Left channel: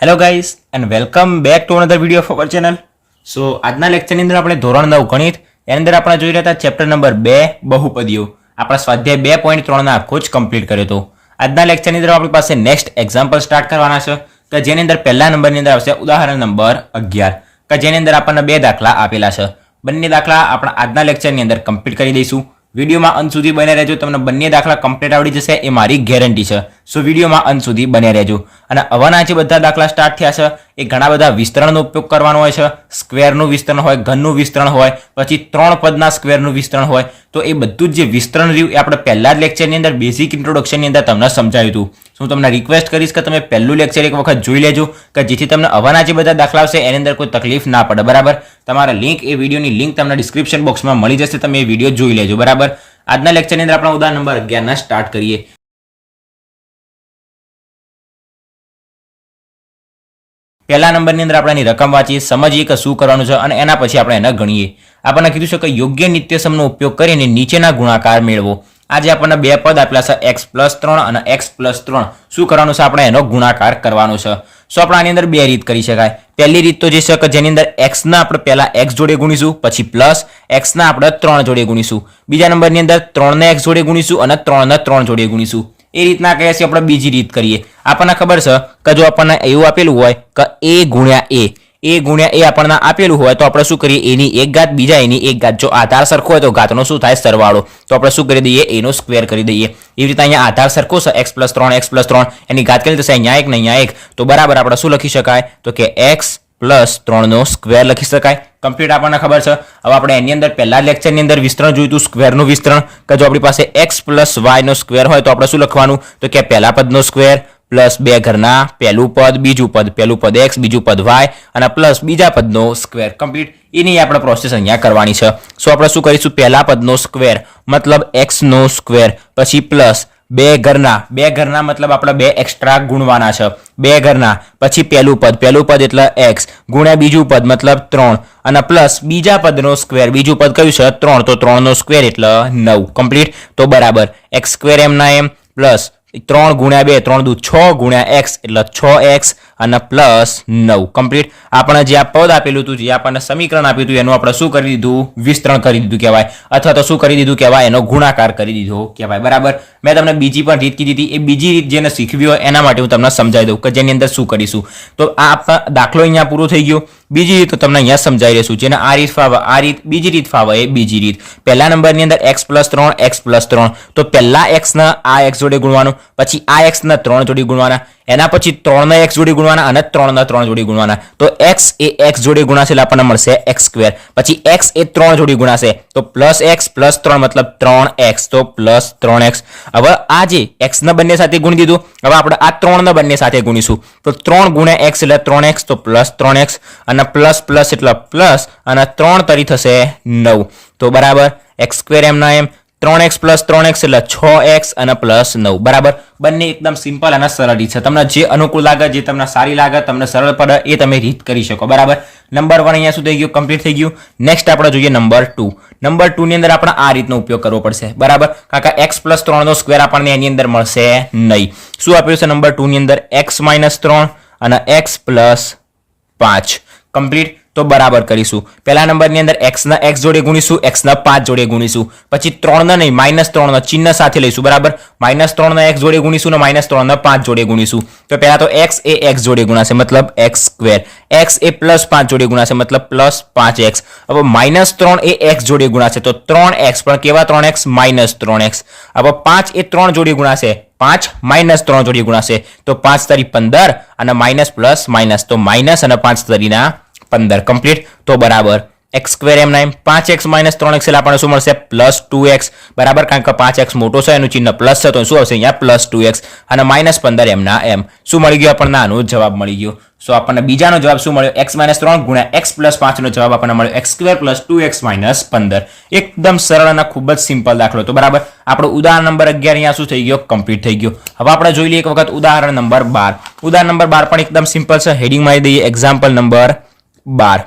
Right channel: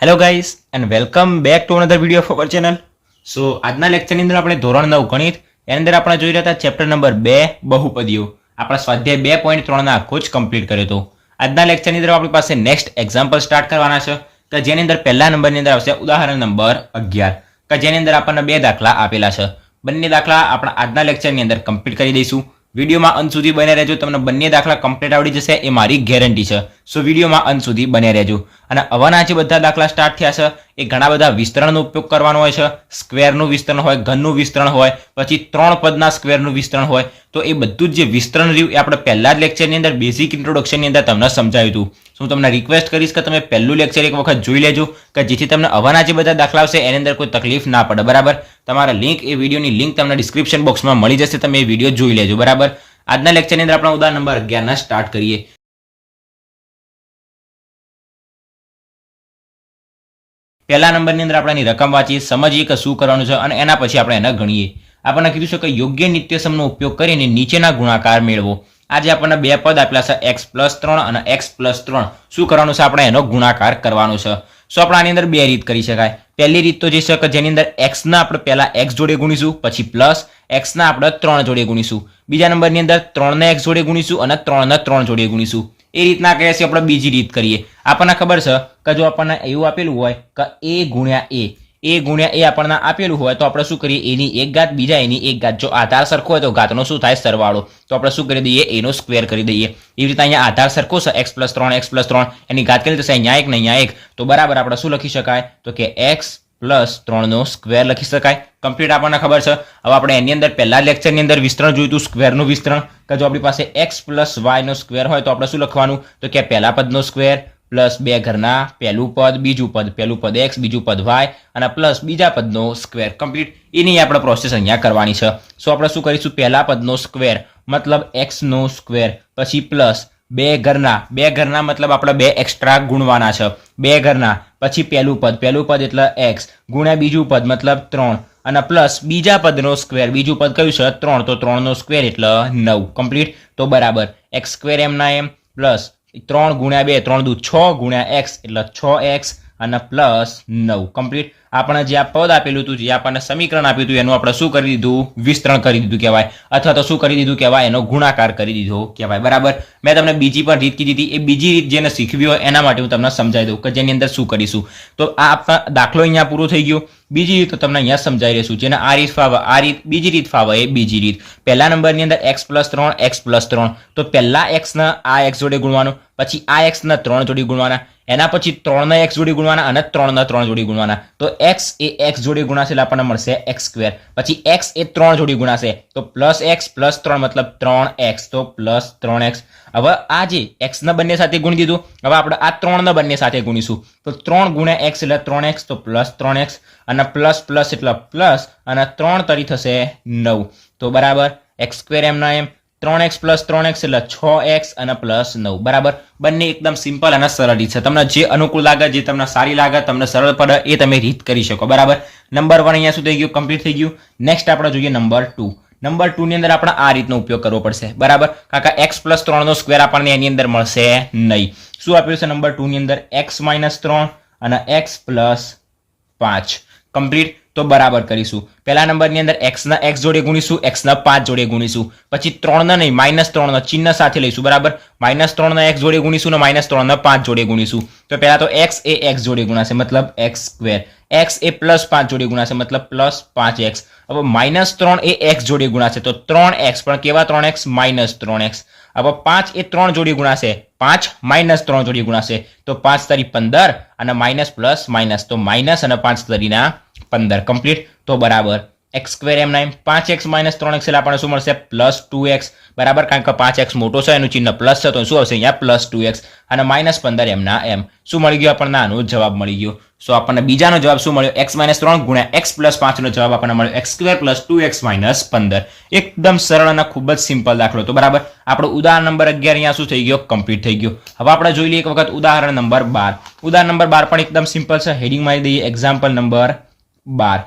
Hello guys and welcome back to another video of our channel. So આજના લેક્ચરની અંદર આપણે ધોરણ 9 ગણિત એની અંદર આપણે જોઈ રહ્યા હતા ચેપ્ટર નંબર 2 બહુપદીઓ. આપણા સ્વાધ્યાય 2.3 આખો જ કમ્પ્લીટ કર્યો હતો. આજના લેક્ચરની અંદર આપણી પાસે નેક્સ્ટ એક્ઝામ્પલ સ્ટાર્ટ કરવાના છે કે જેની અંદર પહેલા નંબરની અંદર આવશે ઉદાહરણ નંબર 11 કે જેની અંદર આપણને બે દાખલા આપેલા છે. બંને દાખલા આપણા આજના લેક્ચરની અંદર કમ્પ્લીટ કરી દઈશું. વિડીયોમાં અંત સુધી બને રહેજો, તમને બંને દાખલા કમ્પ્લીટ આવડી જશે એ મારી ગેરંટી છે. સો વિડીયોમાં અંત સુધી બને રહેજો. અને હવાના જે બધા દાખલા સ્ટાર્ટ થયા છે એ ઘણા બધા વિસ્તરણનો ઉપયોગ કરવાનો હોય છે. સ્ક્વેરનું વિસ્તરણ હોય, ઘનનું વિસ્તરણ હોય, પછી 3 પદના સ્ક્વેરનું વિસ્તરણ હોય. તો એ બધું જ જે વિસ્તરણ રહ્યું એ આપણે પહેલા જ લેક્ચરની અંદર બેઝિક ઇન્ટ્રોડક્શનની અંદર તમને સમજાવ્યું હતું. હું તમને રિક્વેસ્ટ કરીશ કે તમે પહેલું લેક્ચર એક વખત જોઈ લેજો કે જેથી તમને હવાના જે બધા દાખલા આવશે એની અંદર કોઈ તકલીફ ના પડે. બરાબર, તમારા લિંક એ વિડીયોની લિંક તમને ડિસ્ક્રિપ્શન બોક્સમાં મળી જશે, તમે એ વિડીયો જોઈ લેજો. બરાબર, આજના લેક્ચરની અંદર આપણે ઉદાહરણ નંબર 11 સ્ટાર્ટ કરીએ. પહેલા નંબરની અંદર આપણે એની રકમ વાંચીએ, સમજીએ કે શું કરવાનું છે અને એના પછી આપણે એને ગણીએ. આપણને કીધું છે કે યોગ્ય નિત્યસમનો ઉપયોગ કરીને નીચેના ગુણાકાર મેળવો. આજે આપણને બે પદ આપેલા છે x+3 અને x+3. શું કરવાનું છે? આપણે એનો ગુણાકાર કરવાનો છે. સો આપણે આની અંદર બે રીત કરી શકાય. પહેલી રીત તો જે છે કે જેની અંદર x ના આપણે પહેલા x જોડે ગુણીશું, પછી પ્લસ x ના આપણે 3 જોડે ગુણીશું. બીજા નંબરની અંદર 3 ને x જોડે ગુણીશું અને 3 ને 3 જોડે ગુણીશું. એ રીતના કહીએ છીએ આપણે બીજી રીત કરીએ. આપણને ખબર છે કે જો આપણને એવું આપેલું હોય કે a ગુણ્યા a આપણને આપેલું હોય તો આપણે શું કરીએ? એની એક ઘાત બીજા એની એક ઘાત. જો આધાર સરખો હોય તો ઘાતનો શું થાય? સરવાળો. તો આપણે શું કરી દઈએ? એનો સ્ક્વેર કરી દઈએ. એવી રીતે અહીંયા આધાર સરખો છે x+3 એની ઘાત કરી થશે અહીંયા 1 ને અહીંયા 1. તો બરાબર આપણે શું લખી શકાય? તો કે x+3 નો સ્ક્વેર લખી શકાય. કમ્પ્લીટ આપણને ખબર છે. હવે આપણે એની અંદર પહેલા લેક્ચરની અંદર વિસ્તરણ જોયું હતું, સ્ક્વેરનું વિસ્તરણ, કે જો આપણી પાસે x+y નો સ્ક્વેર હોય તો આપણે શું લખવાનું? તો કે પહેલા પદનો સ્ક્વેર પ્લસ બે ઘરના પહેલું પદ બીજું પદ, પહેલું પદ x બીજું પદ y અને પ્લસ બીજા પદનો સ્ક્વેર. કમ્પ્લીટ એની આપણે પ્રોસેસ અહીંયા કરવાની છે. સો આપણે શું કરીશું? પહેલા પદનો સ્ક્વેર મતલબ x નો સ્ક્વેર, પછી પ્લસ બે ઘરના મતલબ આપણે બે એક્સ્ટ્રા ગુણવાના છે. બે ઘરના પછી પહેલું પદ એટલે x ગુણ્યા બીજું પદ મતલબ 3 અને પ્લસ બીજા પદનો સ્ક્વેર. બીજું પદ કયું છે? 3. તો 3 નો સ્ક્વેર એટલે 9. કમ્પ્લીટ. તો બરાબર x² એમના એમ પ્લસ 3 ગુણ્યા 2 3 દુ 6 ગુણ્યા x એટલે 6x અને પ્લસ 9. કમ્પ્લીટ. આપણે જે આ પદ આપેલું હતું, જે આપણને સમીકરણ આપ્યું હતું એનું આપણે શું કરી દીધું? વિસ્તરણ કરી દીધું કહેવાય, અથવા તો શું કરી દીધું કહેવાય? એનો ગુણાકાર કરી દીધો કહેવાય. બરાબર, મેં તમને બીજી પણ રીત કીધી હતી. એ બીજી રીત જેને શીખવી હોય એના માટે હું તમને સમજાવી દઉં કે જેની અંદર શું કરીશું. તો આ દાખલો અહીંયા પૂરો થઈ ગયો. બીજી રીત તમને અહીંયા સમજાવી રહીશું. જેને આ રીત ફાવે આ રીત, બીજી રીત ફાવે એ બીજી રીત. પહેલા નંબરની અંદર x+3 તો પહેલા x ના આ x જોડે ગુણવાનું, પછી આ x ના 3 જોડે ગુણવાના, એના પછી 3 ના x જોડે ગુણવાના અને 3 ના 3 જોડે ગુણવાના. તો x એ x જોડે ગુણાશે એટલે આપણને મળશે x². પછી x એ 3 જોડે ગુણાશે તો પ્લસ x પ્લસ 3 મતલબ 3x, તો પ્લસ 3x. હવે આ જે x ના બંને સાથે ગુણી દીધું, હવે આપણે આ 3 ના બંને સાથે ગુણીશું. તો 3 ગુણ્યા x એટલે 3x, તો પ્લસ 3x અને પ્લસ પ્લસ એટલે પ્લસ અને 3 તરી થશે 9. તો બરાબર x² એમના એમ 3x પ્લસ 3x એટલે 6x અને પ્લસ 9. બરાબર, બંને એકદમ સિમ્પલ અને સરળ રીત છે. તમને જે અનુકૂળ લાગે, જે તમને સારી લાગે, તમને સરળ પડે એ તમે રીત કરી શકો. બરાબર, નંબર 1 અહીંયા શું થઈ ગયું? કમ્પ્લીટ થઈ ગયું. નેક્સ્ટ આપણે જોઈએ નંબર 2. નંબર 2 ની અંદર આપણે આ રીતનો ઉપયોગ કરવો પડશે. બરાબર, કારણ કે x+3 નો સ્ક્વેર આપણને એની અંદર મળશે નહીં. શું આપ્યું છે નંબર 2 ની અંદર? x-3 અને x+5. કમ્પ્લીટ. તો બરાબર કરીશું. પહેલા નંબરની અંદર x ના x જોડે ગુણીશું, x ના 5 જોડે ગુણીશું, પછી 3 ના નહીં -3 ના ચિહ્ન સાથે લઈશું. બરાબર, -3 ના x જોડે ગુણીશું અને -3 ના 5 જોડે ગુણીશું. તો પહેલા તો x એ x જોડે ગુણાશે મતલબ x², x એ +5 જોડે ગુણાશે મતલબ +5x. હવે -3 એ x જોડે ગુણાશે તો 3x, પણ કેવા 3x? -3x. હવે 5 એ 3 જોડે ગુણાશે, 5 -3 જોડે ગુણાશે તો 5 તરી 15 અને માઇનસ પ્લસ માઇનસ, તો માઇનસ અને 5 તરીના 15. કમ્પ્લીટ. તો બરાબર x² એમના એમ 5x - 3x એટલે આપણને શું મળશે? +2x. બરાબર, કારણ કે 5x મોટો છે એનું ચિહ્ન પ્લસ છે તો શું આવશે? અહીંયા +2x અને -15 એમના એમ. શું મળી ગયો આપણને? આનો જવાબ મળી ગયો. સો આપણને બીજાનો જવાબ શું મળ્યો? x - 3 ગુણ્યા x+5 નો જવાબ આપણને મળ્યો x² + 2x - 15. એકદમ સરળ અને ખૂબ જ સિમ્પલ દાખલો. તો બરાબર, આપણો ઉદાહરણ નંબર 11 અહીંયા શું થઈ ગયો? કમ્પ્લીટ થઈ ગયો. હવે આપણે જોઈ લઈએ એક વખત ઉદાહરણ નંબર 12. ઉદાહરણ નંબર 12 પણ એકદમ સિમ્પલ છે. હેડિંગ મારી દઈએ એક્ઝામ્પલ નંબર 12.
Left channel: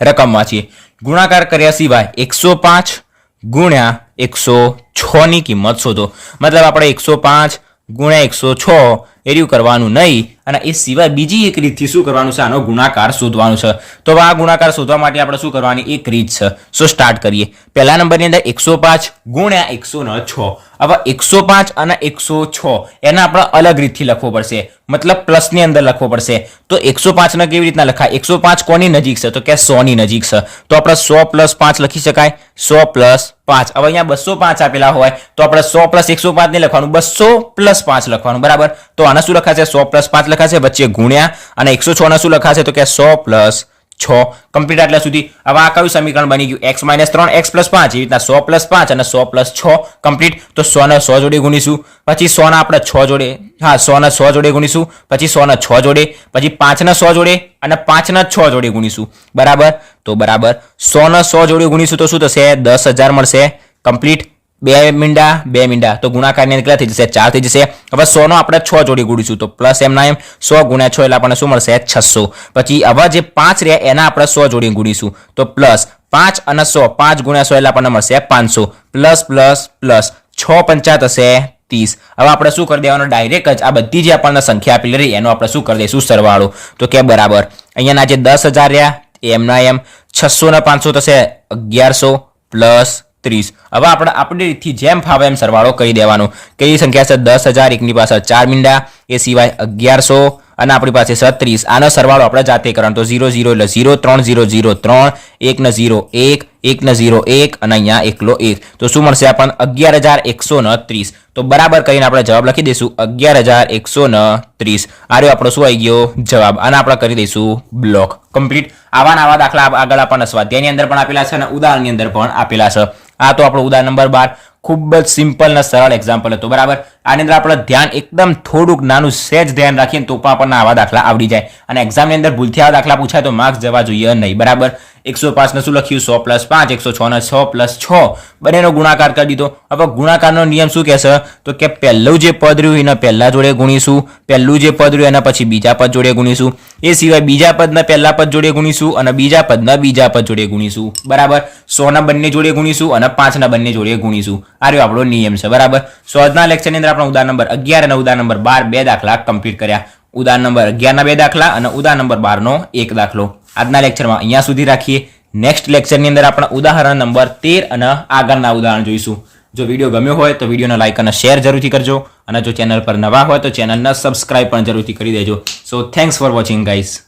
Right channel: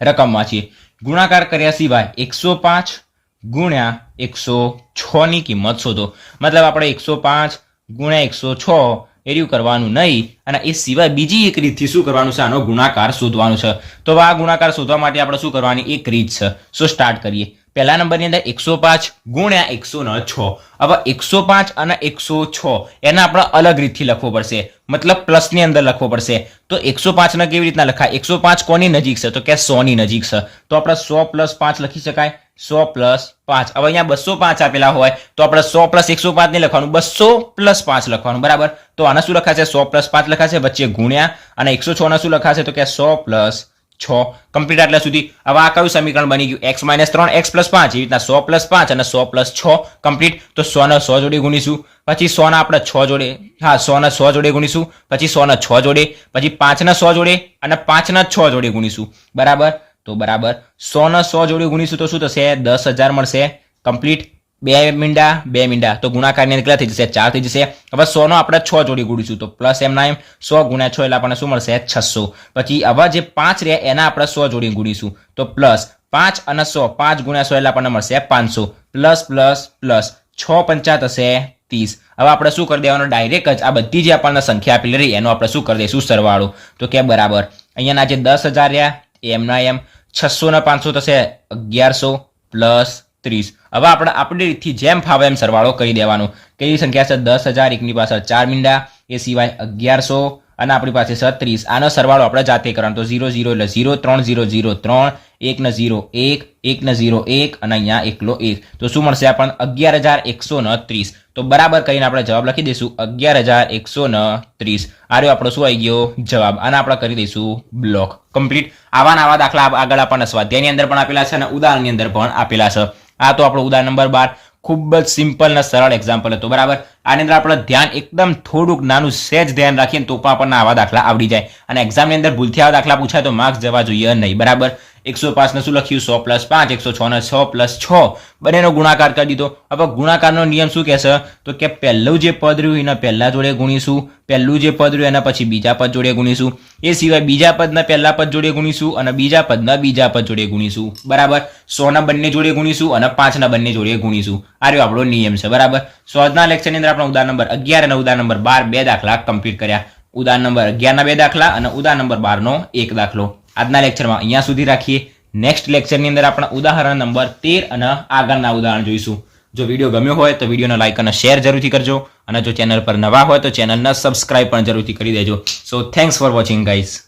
રકમ વાંચીએ. ગુણાકાર કર્યા સિવાય 105 ગુણ્યા 106 ની કિંમત શોધો. મતલબ આપણે 105 ગુણ્યા 106 એર્યું કરવાનું નહીં અને એ સિવાય બીજી એક રીતથી શું કરવાનું છે, આનો ગુણાકાર શોધવાનું છે. તો હવે આ ગુણાકાર શોધવા માટે આપણે શું કરવાની એક રીત છે. સો સ્ટાર્ટ કરીએ. પહેલા નંબરની અંદર 105 ગુણ્યા 106. હવે 105 અને 106 એને આપણે અલગ રીતથી લખવો પડશે, મતલબ પ્લસની અંદર લખવો પડશે. તો 105 ને કેવી રીતના લખાય? 105 કોની નજીક છે? તો કે 100 ની નજીક છે. તો આપણે 100 + 5 લખી શકાય. 100 + 5. હવે અહીંયા 205 આપેલા હોય તો આપણે 100 + 105 નહીં લખવાનું, 200 + 5 લખવાનું. બરાબર. તો આને શું લખાશે? 100 + 5 લખાશે, વચ્ચે ગુણ્યા, અને 106 ને શું લખાશે? તો કે 100 + 6. કમ્પ્લીટ. આટલા સુધી. હવે આ કયું સમીકરણ બની ગયું? x - 3 x + 5. એ રીતના 100 + 5 અને 100 + 6. કમ્પ્લીટ. તો 100 ને 100 જોડે ગુણીશું, પછી 100 ને આપણે 6 જોડે, 100 ને 100 જોડે ગુણીશું, પછી 100 ને 6 જોડે, પછી 5 ને 100 જોડે અને 5 ને 6 જોડે ગુણીશું. બરાબર. તો બરાબર 100 ને 100 જોડે ગુણીશું તો શું થશે? 10,000 મળશે. કમ્પ્લીટ. 2 મીંડા 2 મીંડા, તો ગુણાકારની કેટલા થઈ જશે? 4 થઈ જશે. હવે 100 નો આપણે 6 જોડે ગુણીશું તો પ્લસ એમના એમ 100 × 6 એટલે આપણને શું મળશે? 600. પછી હવે જે 5 રહ્યા એના આપણે 100 જોડે ગુણીશું તો પ્લસ 5 અને 100, 5 × 100 એટલે આપણને મળશે 500. પ્લસ પ્લસ પ્લસ 6 × 5 થશે 30. હવે આપણે શું કરી દેવાનું? ડાયરેક્ટ જ આ બધી જે આપણને સંખ્યા આપેલી રહી એનો આપણે શું કરી દઈશું? સરવાળો. તો કે બરાબર અહીંયાના જે 10,000 રહ્યા એમના એમ 600 ને 500 થશે 1100 + 30. હવે આપણે આપણી રીતથી જેમ ફાવે એમ સરવાળો કરી દેવાનો. કઈ સંખ્યા છે? 10,000, એકની પાસે 4 મીંડા, એ સિવાય 1100 અને આપણી પાસે 30. આનો સરવાળો આપણે જાતે કરવાનો. તો 0 0 એટલે 0, 3 0 0 3, 1 ને 0 1, 1 ને 0 1 અને અહીંયા એકલો 1. તો શું મળશે આપણને? 11,130. તો બરાબર કરીને આપણે જવાબ લખી દઈશું 11,130. આ રહ્યો આપણો શું આવી ગયો? જવાબ. અને આપણે કરી દઈશું બ્લોક. કમ્પ્લીટ. આવા દાખલા આગળ આપણને સ્વાધ્યાયની અંદર પણ આપેલા છે અને ઉદાહરણની અંદર પણ આપેલા છે. આ તો આપણો ઉદાહરણ નંબર 12. ખૂબ જ સિમ્પલ અને સરળ એક્ઝામ્પલ હતું. બરાબર. આની અંદર આપણે ધ્યાન એકદમ થોડુંક નાનું સહેજ ધ્યાન રાખીને તો પણ આપણને આવા દાખલા આવડી જાય. અને એક્ઝામની અંદર ભૂલથી આવા દાખલા પૂછાય તો માર્ક્સ જવા જોઈએ નહીં. બરાબર. 105 ને શું લખ્યું? 100 + 5. 106 ને 6 + 6 બંનેનો ગુણાકાર કરી દીધો. હવે ગુણાકારનો નિયમ શું કહેશે? તો કે પહેલું જે પદ રહ્યું એને પહેલા જોડે ગુણીશું, પહેલું જે પદ રહ્યું એના પછી બીજા પદ જોડે ગુણીશું, એ સિવાય બીજા પદના પહેલા પદ જોડે ગુણીશું અને બીજા પદના બીજા પદ જોડે ગુણીશું. બરાબર. 100 ના બંને જોડે ગુણીશું અને 5 ના બંને જોડે ગુણીશું. આ રહ્યો આપણો નિયમ છે. બરાબર. સો આજના લેક્ચરની અંદર આપણે ઉદાહરણ નંબર 11 અને ઉદાહરણ નંબર 12 બે દાખલા કમ્પ્લીટ કર્યા. ઉદાહરણ નંબર 11 ના 2 દાખલા અને ઉદાહરણ નંબર 12 નો 1 દાખલો. આજના લેક્ચરમાં અહીંયા સુધી રાખીએ. નેક્સ્ટ લેક્ચરની અંદર આપણે ઉદાહરણ નંબર 13 અને આગળના ઉદાહરણ જોઈશું. જો વિડીયો ગમ્યો હોય તો વિડીયોને લાઈક અને શેર જરૂરથી કરજો અને જો ચેનલ પર નવા હોય તો ચેનલને સબસ્ક્રાઇબ પણ જરૂરથી કરી દેજો. સો થેન્ક્સ ફોર વોચિંગ ગાઈઝ.